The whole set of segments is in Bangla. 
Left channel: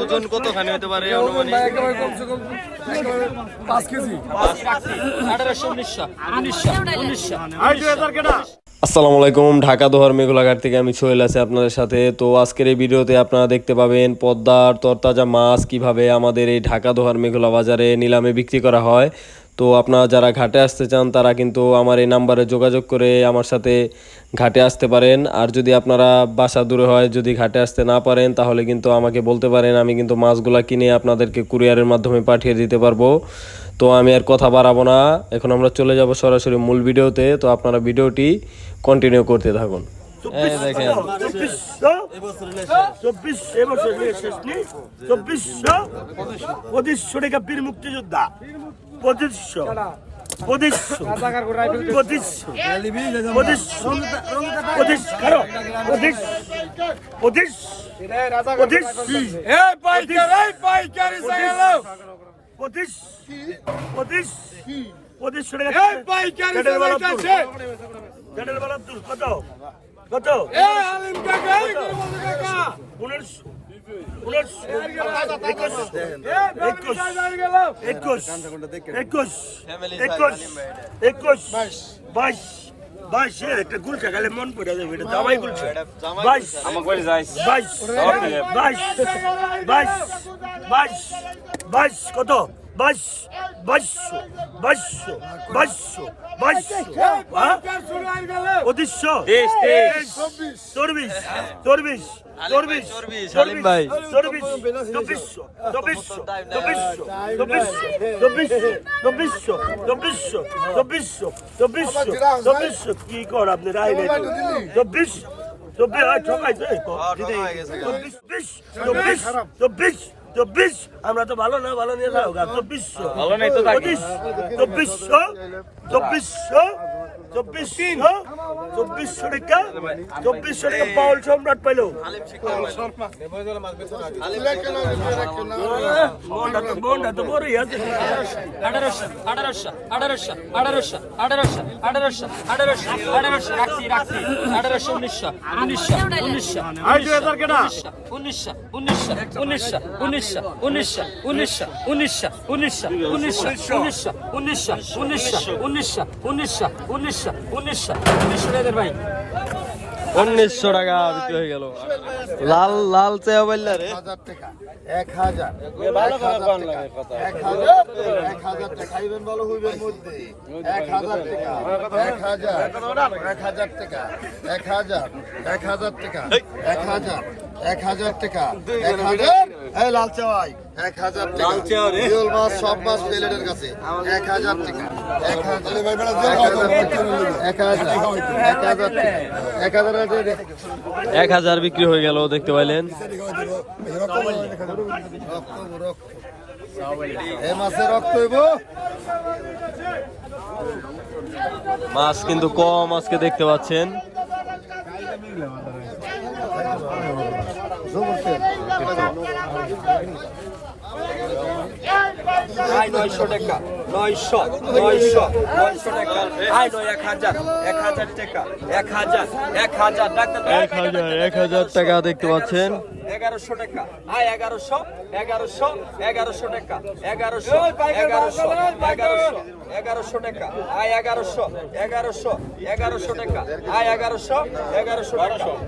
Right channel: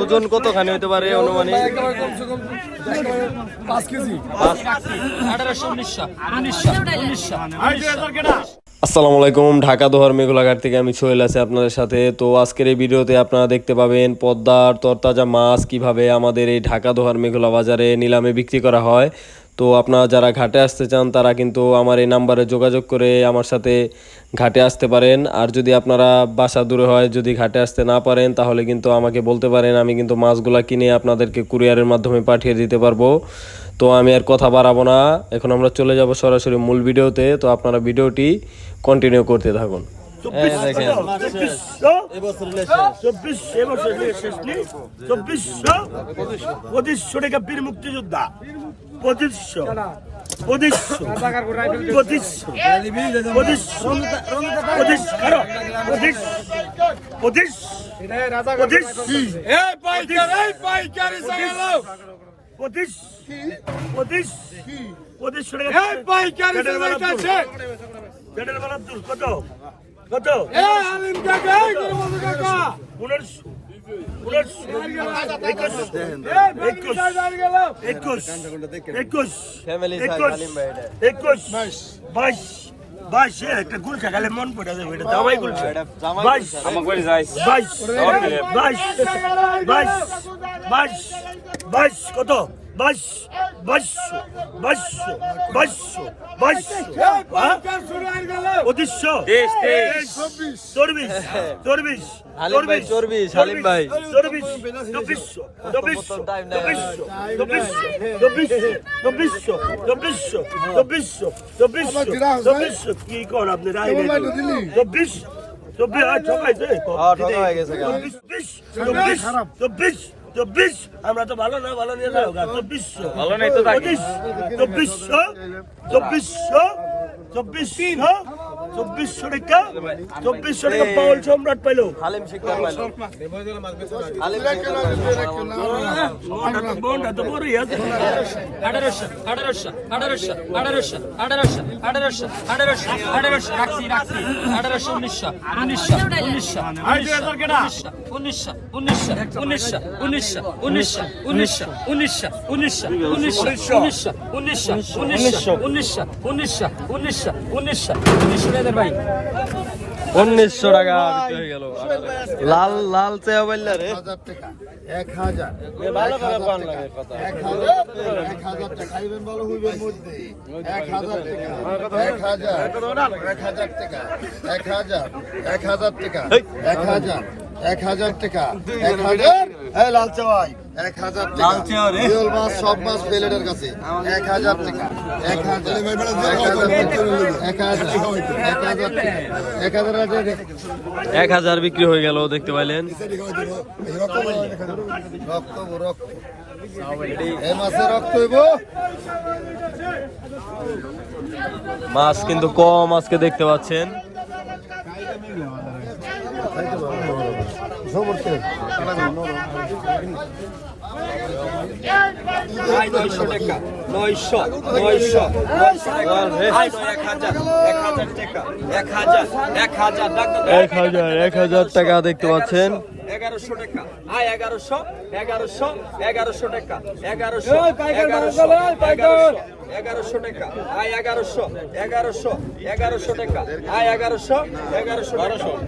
ওজন কতখানি হতে পারে অনুমানিক পাঁচ কেজি। আসসালামু আলাইকুম ঢাকা দোহার মেঘলাঘাট থেকে আমি সোহেল আছি আপনাদের সাথে। তো আজকের এই ভিডিওতে আপনারা দেখতে পাবেন পদ্মার তরতাজা মাছ কীভাবে আমাদের এই ঢাকা দোহার মেঘলা বাজারে নিলামে বিক্রি করা হয়। তো আপনারা যারা ঘাটে আসতে চান তারা কিন্তু আমার এই নাম্বারে যোগাযোগ করে আমার সাথে ঘাটে আসতে পারেন আর যদি আপনারা বাসা দূরে হয় যদি ঘাটে আসতে না পারেন তাহলে কিন্তু আমাকে বলতে পারেন আমি কিন্তু মাছগুলা কিনে আপনাদেরকে কুরিয়ারের মাধ্যমে পাঠিয়ে দিতে পারব তো আমি আর কথা বাড়াবো না এখন আমরা চলে যাব সরাসরি মূল ভিডিওতে তো আপনারা ভিডিওটি কন্টিনিউ করতে থাকুন চব্বিশশো টাকা বীর মুক্তিযোদ্ধা পঁচিশশো। পঁচিশশো। পঁচিশশো। পঁচিশশো। পঁচিশ কারও পঁচিশ। পঁচিশ। পঁচিশ। পঁচিশ। পঁচিশ। পঁচিশশো টাকা। কত? কত? পনেরোশো। একটা গুলখা খালে মন পড়ে যাবে এটা দামাই গুলখা বাইশ বাইশ বাইশ বাইশ বাইশ কত? বাইশো বাইশো বাইশো বাইশো বাইশো পঁচিশশো চব্বিশ চব্বিশ চব্বিশ চব্বিশ হালিম ভাই চব্বিশ চব্বিশশো চব্বিশশো চব্বিশশো চব্বিশশো চব্বিশশো চব্বিশশো চব্বিশশো কি কর আপনি রায় চব্বিশ চব্বিশ ঠকাইছে চব্বিশ চব্বিশ চব্বিশ চব্বিশ। আমরা তো ভালো না ভালো নিয়ে যাও চব্বিশশো চব্বিশশো চব্বিশশো চব্বিশশো চব্বিশশো টাকা চব্বিশশো টাকা বাউল সম্রাট পাইলো বোনটা তো বোনটা তো বড়ই আছে আঠারোশো আঠারোশো আঠারোশো আঠারোশো আঠারোশো আঠারোশো আঠারোশো আঠারোশো রাখছি রাখছি আঠারোশো উনিশশো উনিশশো উনিশশো উনিশশো উনিশশো উনিশশো উনিশশো উনিশশো উনিশশো উনিশশো উনিশশো উনিশশো উনিশশো উনিশশো উনিশশো উনিশশো উনিশশো উনিশশো উনিশশো উনিশশো ভাই উনিশশো টাকা বিক্রি হয়ে গেল। লাল লাল চেয়া বললা রে। হাজার। টাকা এক হাজার এক হাজার টাকা এক হাজার এক হাজার টাকা। খাইবেন ভালো হইবেন মধ্যে। এক হাজার টাকা। এক হাজার। এক হাজার টাকা। এক হাজার। এক হাজার টাকা। এক হাজার। এক হাজার টাকা। এক হাজার? এই লাল চাওয়াই। এক হাজার টাকা। মাছ সব মাছ প্লেটের কাছে। এক হাজার টাকা। এক হাজার। এক হাজার। এক হাজার এক হাজার টাকা এক হাজার টাকা এক হাজার বিক্রি হয়ে গেল দেখতে পাইলেন। রক্ত রক্ত মাসে রক্ত হইব? মাছ কিন্তু কম আজকে দেখতে পাচ্ছেন। নয়শো টাকা নয়শো নয়শো নয়শো টাকা। আয় নয় এক হাজার এক হাজার টাকা এক হাজার এক হাজার এক হাজার এক হাজার টাকা দেখতে পাচ্ছেন। এগারোশো টাকা। আয় এগারোশো এগারোশো এগারোশো টাকা এগারোশো এগারোশো এগারোশো। এগারোশো টাকা আয় এগারোশো এগারোশো এগারোশো টাকা আয় এগারোশো এগারোশো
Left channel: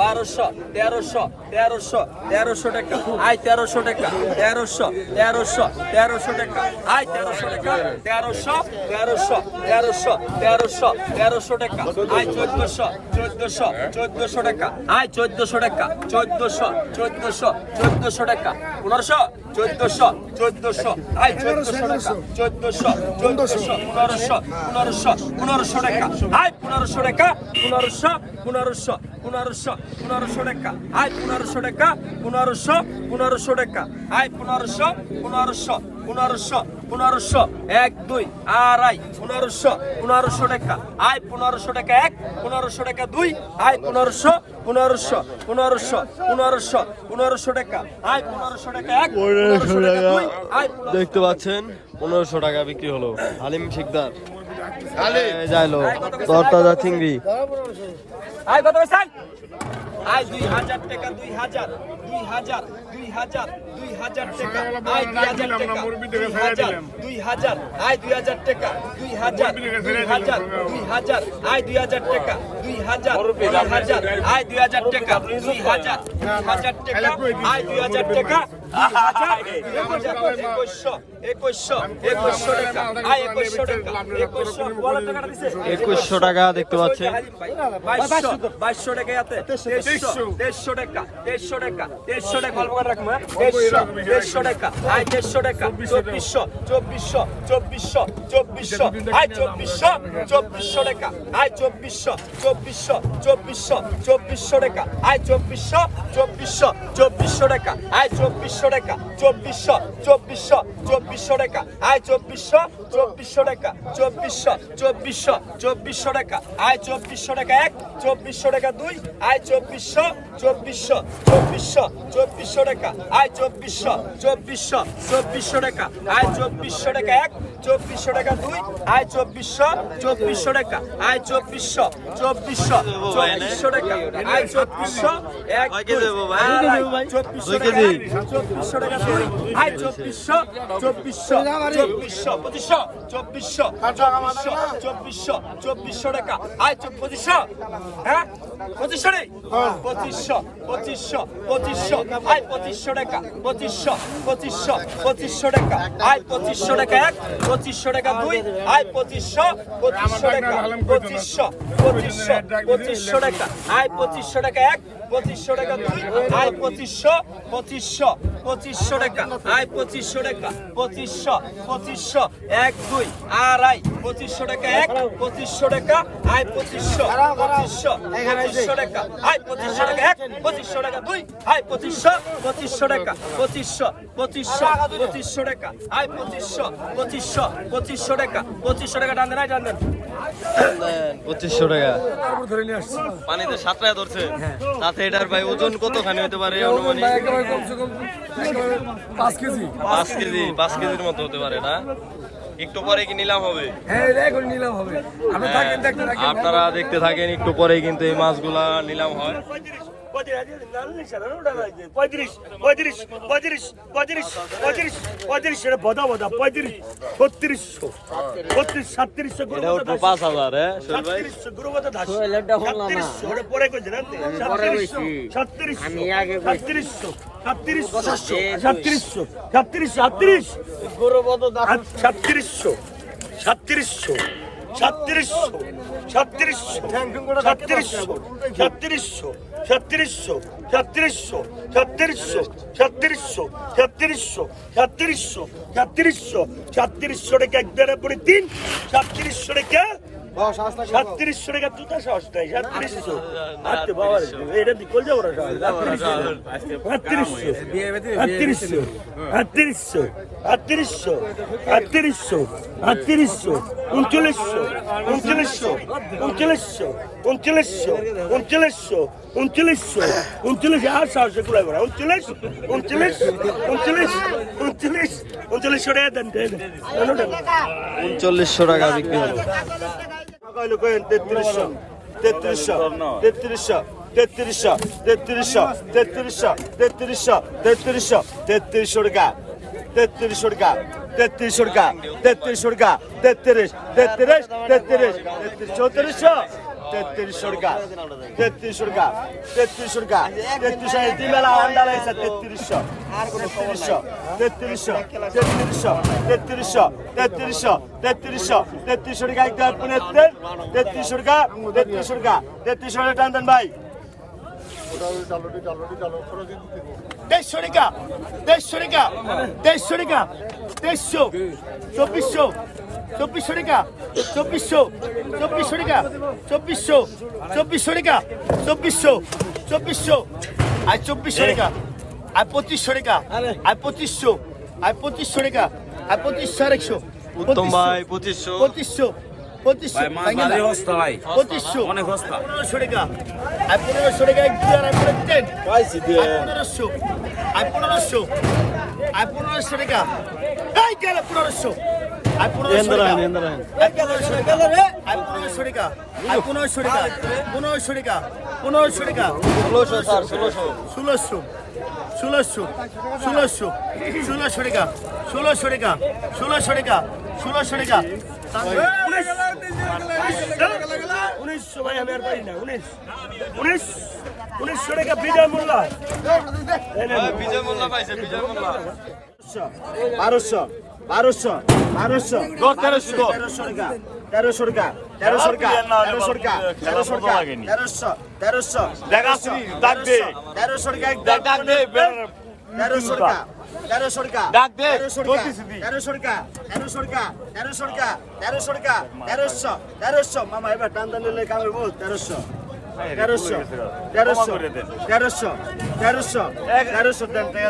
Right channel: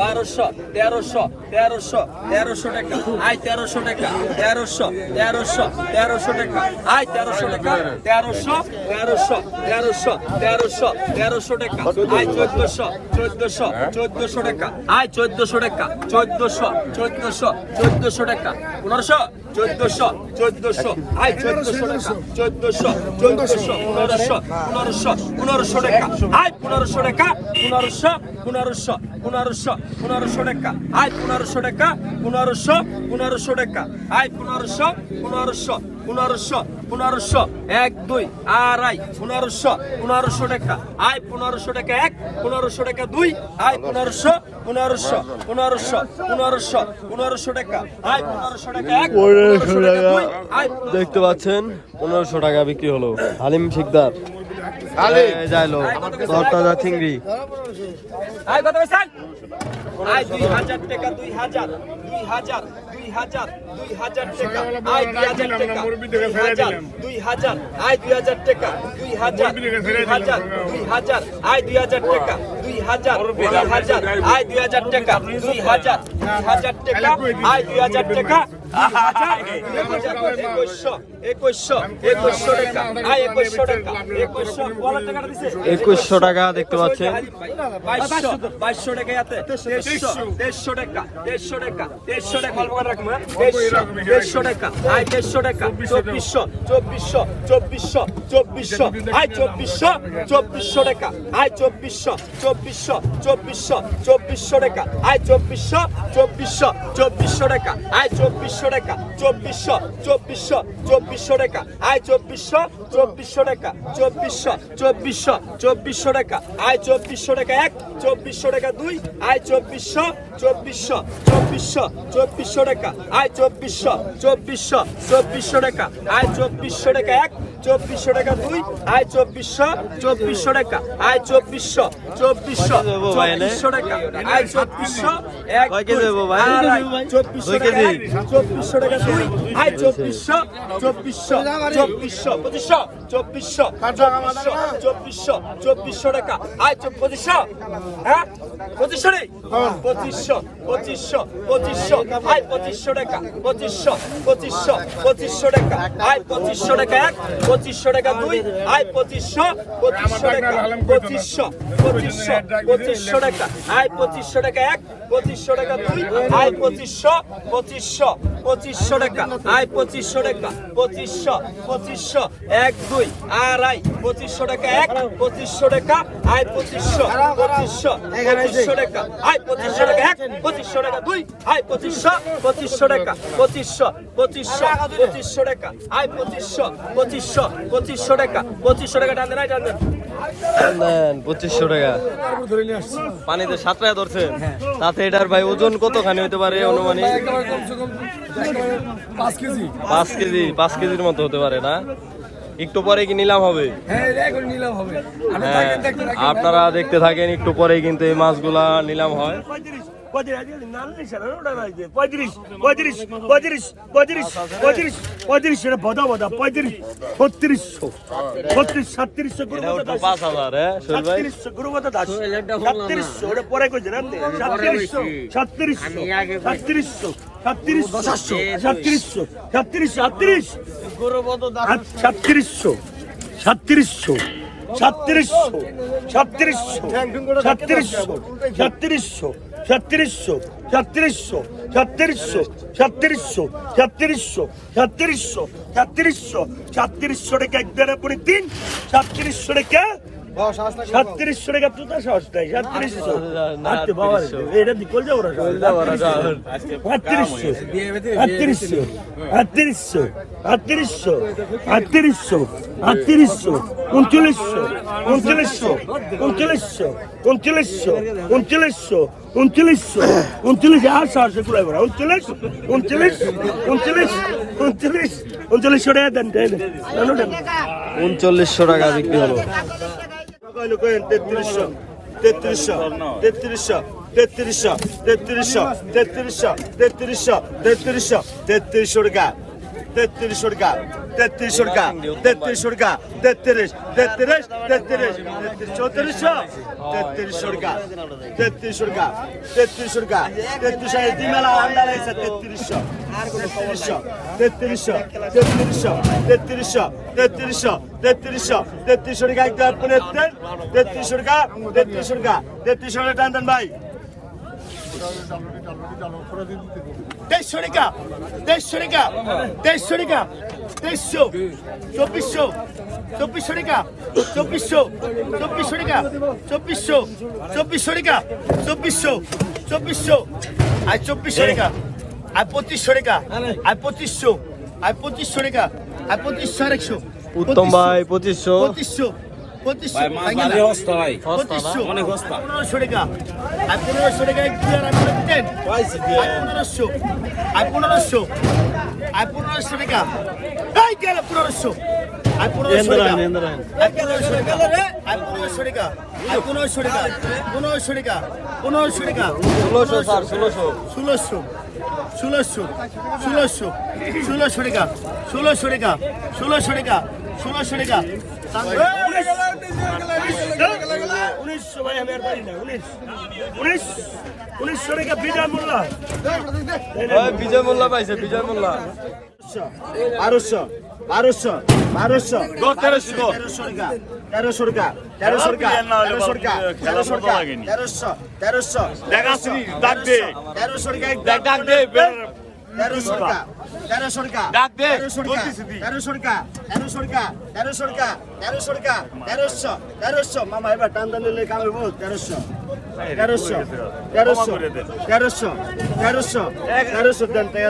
বারোশো, তেরোশো তেরোশো তেরোশো টাকা আয় তেরোশো টাকা, তেরোশো তেরোশো তেরোশো টাকা আয় তেরোশো টাকা, তেরোশো তেরোশো তেরোশো তেরোশো টাকা আয় চোদ্দশো চোদ্দশো চোদ্দশো টাকা আয় চোদ্দশো টাকা, চোদ্দশো চোদ্দশো চোদ্দশো টাকা, পনেরোশো, চোদ্দশো চোদ্দশো আয় চোদ্দশো চোদ্দশো চোদ্দশো পনেরোশো পনেরোশো পনেরোশো টাকা। আয় পনেরোশো টাকা, পনেরোশো পনেরোশো পনেরোশো পনেরোশো টাকা। আয় পনেরোশো টাকা পনেরোশো পনেরোশো পনেরোশো এক দুই আড়াই পনেরোশো পনেরোশো টাকা। আয় পনেরোশো টাকা এক পনেরোশো টাকা দুই আয় পনেরোশো পনেরোশো পনেরোশো পনেরোশো পনেরোশো টাকা। আয় পনেরোশো টাকা এক পনেরোশো টাকা দেখতে পাচ্ছেন পনেরোশো টাকা বিক্রি হলো। হালিম শিকদার। যাইলো তরতাজা চিংড়ি। আই কত কইছেন আই 2000 টাকা 2000 2000 2000 2000 টাকা। আই 2000 টাকা 2000 আই 2000 টাকা 2000 2000 2000 আই 2000 টাকা 2000 2000 আই 2000 টাকা 2000 2000 টাকা আই 2000 টাকা একুশশো টাকা দেখতে পাচ্ছেন বাইশশো বাইশশো টাকা ইয়াতে দেড়শো দেড়শো টাকা দেড়শো টাকা দেড়শো টাকা অল্প করে রাখব হ্যাঁ? দেড়শো টাকা আয় দেড়শো টাকা চব্বিশশো চব্বিশশো চব্বিশশো চব্বিশশো আয় চব্বিশশো চব্বিশশো টাকা আয় চব্বিশশো চব্বিশশো চব্বিশশো চব্বিশশো টাকা আয় চব্বিশশো চব্বিশশো চব্বিশশো টাকা আয় চব্বিশশো টাকা চব্বিশশো চব্বিশশো চব্বিশশো টাকা। আয় চব্বিশশো চব্বিশশো টাকা চব্বিশশো চব্বিশশো চব্বিশশো টাকা। আয় চব্বিশশো টাকা এক চব্বিশশো টাকা দুই আয় চব্বিশশো চব্বিশশো চব্বিশশো চব্বিশশো টাকা। আয় চব্বিশশো চব্বিশশো চব্বিশশো টাকা। আয় চব্বিশশো টাকা এক চব্বিশশো টাকা দুই আয় চব্বিশশো চব্বিশশো টাকা। আয় চব্বিশশো চব্বিশশো চব্বিশশো টাকা। আয় চব্বিশশো এক চব্বিশশো টাকা চব্বিশশো টাকা দুই আয় চব্বিশশো চব্বিশশো চব্বিশশো পঁচিশশো। চব্বিশশো চব্বিশশো চব্বিশশো চব্বিশশো টাকা। আয় পঁচিশশো? হ্যাঁ? পঁচিশশো নেই? পঁচিশশো পঁচিশশো পঁচিশশো। আয়, পঁচিশশো টাকা, পঁচিশশো পঁচিশশো পঁচিশশো টাকা। আয়, পঁচিশশো টাকা এক, পঁচিশশো টাকা দুই। আয়, পঁচিশশো পঁচিশশো টাকা, পঁচিশশো পঁচিশশো পঁচিশশো টাকা। আয়, পঁচিশশো টাকা এক পঁচিশশো টাকা দুই আয় পঁচিশশো পঁচিশশো পঁচিশশো টাকা আয় পঁচিশশো টাকা পঁচিশশো পঁচিশশো এক দুই আড়াই পঁচিশশো টাকা এক পঁচিশশো টাকা আয় পঁচিশশো পঁচিশশো পঁচিশশো টাকা আয় পঁচিশশো টাকা এক পঁচিশশো টাকা দুই আয় পঁচিশশো পঁচিশশো টাকা পঁচিশশো পঁচিশশো পঁচিশশো টাকা আয় পঁচিশশো পঁচিশশো পঁচিশশো টাকা পঁচিশশো টাকা টান দেন আয় টান দেন পঁচিশশো টাকা তারপর ধরে নিয়ে আসছি পানিতে সাত টাকা ধরছে তাতে এটার ভাই ওজন কতখানি হতে পারে অনুমানিক? পাঁচ কেজি। পাঁচ কেজি পাঁচ কেজির মতো হতে পারে না? একটু পরে কি নিলাম হবে? হ্যাঁ হ্যাঁ, আপনারা দেখতে থাকেন একটু পরে কিন্তু এই মাছগুলা নিলাম হয়। ছত্রিশশো ছত্রিশ সাতত্রিশশো গুরু এটাও তো পাঁচ হাজার হ্যাঁ সোহেল ভাই সাতত্রিশশো সাতত্রিশশো সাতত্রিশশো সাতত্রিশশো সাতত্রিশ সাতত্রিশ সাতত্রিশশো সাতত্রিশশো সাতত্রিশশো সাতত্রিশশো সাতত্রিশশো সাতত্রিশশো সাতত্রিশশো সাতত্রিশশো সাতত্রিশশো সাতত্রিশশো সাতত্রিশশো সাতত্রিশশো সাতত্রিশশো টাকা এক দেড় করে তিন সাতত্রিশশো টাকা সাতত্রিশশো টাকা তো তা বাবা রে, এটা দি কল যাব। না আটত্রিশশো আটত্রিশশো আটত্রিশশো আটত্রিশশো আটত্রিশশো উনচল্লিশশো উনচল্লিশশো উনচল্লিশশো উনচল্লিশশো উনচল্লিশশো উনচল্লিশশো উনচল্লিশ আর সাহসে কুড়াই বড় উনচল্লিশ উনচল্লিশ উনচল্লিশ উনচল্লিশ উনচল্লিশশো টাকা দেন উনচল্লিশশো টাকা বিক্রি হলো তেত্রিশশো তেত্রিশশো তেত্রিশশো তেত্রিশশো তেত্রিশশো তেত্রিশশো তেত্রিশশো তেত্রিশশো তেত্রিশশো টাকা। তেত্রিশ টাকা তেত্রিশ টাকা তেত্রিশ টাকা তেত্রিশ তেত্রিশ তেত্রিশ চৌত্রিশশো, তেত্রিশ টাকা তেত্রিশ টাকা তেত্রিশ টাকা তেত্রিশ তিন বেলা আন্ডা লাগছে তেত্রিশশো তেত্রিশশো তেত্রিশশো তেত্রিশশো তেত্রিশশো তেত্রিশশো তেত্রিশশো, তেত্রিশ টাকা একদম তেত্রিশ টাকা তেত্রিশ টাকা তেত্রিশ টাকা তেত্রিশ টাকা টান ভাই। তেইশশো টাকা তেইশশো টাকা তেইশশো টাকা তেইশশো চব্বিশশো চব্বিশশো টাকা চব্বিশশো চব্বিশশো টাকা চব্বিশশো চব্বিশশো টাকা চব্বিশশো চব্বিশশো আর চব্বিশশো টাকা আর পঁচিশশো টাকা আর পঁচিশশো আর পঁচিশশো টাকা আর পঁচিশশো আর একশো উত্তম ভাই পঁচিশশো। পঁচিশশো ভাই পঁচিশশো। অনেক সস্তা। পনেরোশো টাকা। আর পনেরোশো টাকা এক দুই আর আর দেন আর পনেরোশো। আর পনেরোশো। আর পনেরোশো টাকা। এই গেল পনেরোশো। আই পনেরোশো টাকা। আই পনেরোশো টাকা। আই পনেরোশো টাকা। আই পনেরোশো টাকা। পনেরোশো টাকা। পনেরোশো টাকা। ষোলোশো স্যার ষোলোশো। ষোলোশো। ষোলোশো। ষোলোশো। ষোলোশো টাকা। ষোলোশো টাকা। ষোলোশো টাকা। ষোলোশো টাকা। উনিশশো ভাই আমি আর পারি না উনিশ উনিশ উনিশশো টাকা বিজয় মোল্লা বিজয় মোল্লা পাইছে বিজয় মোল্লা বারোশো বারোশো বারোশো তেরোশো টাকা তেরোশো টাকা তেরোশো টাকা তেরোশো টাকা তেরোশো টাকা তেরোশো তেরোশো তেরোশো তেরোশো টাকা তেরোশো টাকা তেরোশো টাকা তেরোশো টাকা তেরোশো টাকা তেরোশো টাকা তেরোশো টাকা তেরোশো টাকা তেরোশো তেরোশো। মামা এবার টান টান নিলে কামে বল তেরোশো। তেরোশো তেরোশো তেরোশো তেরোশো তেরোশো দেন টাকা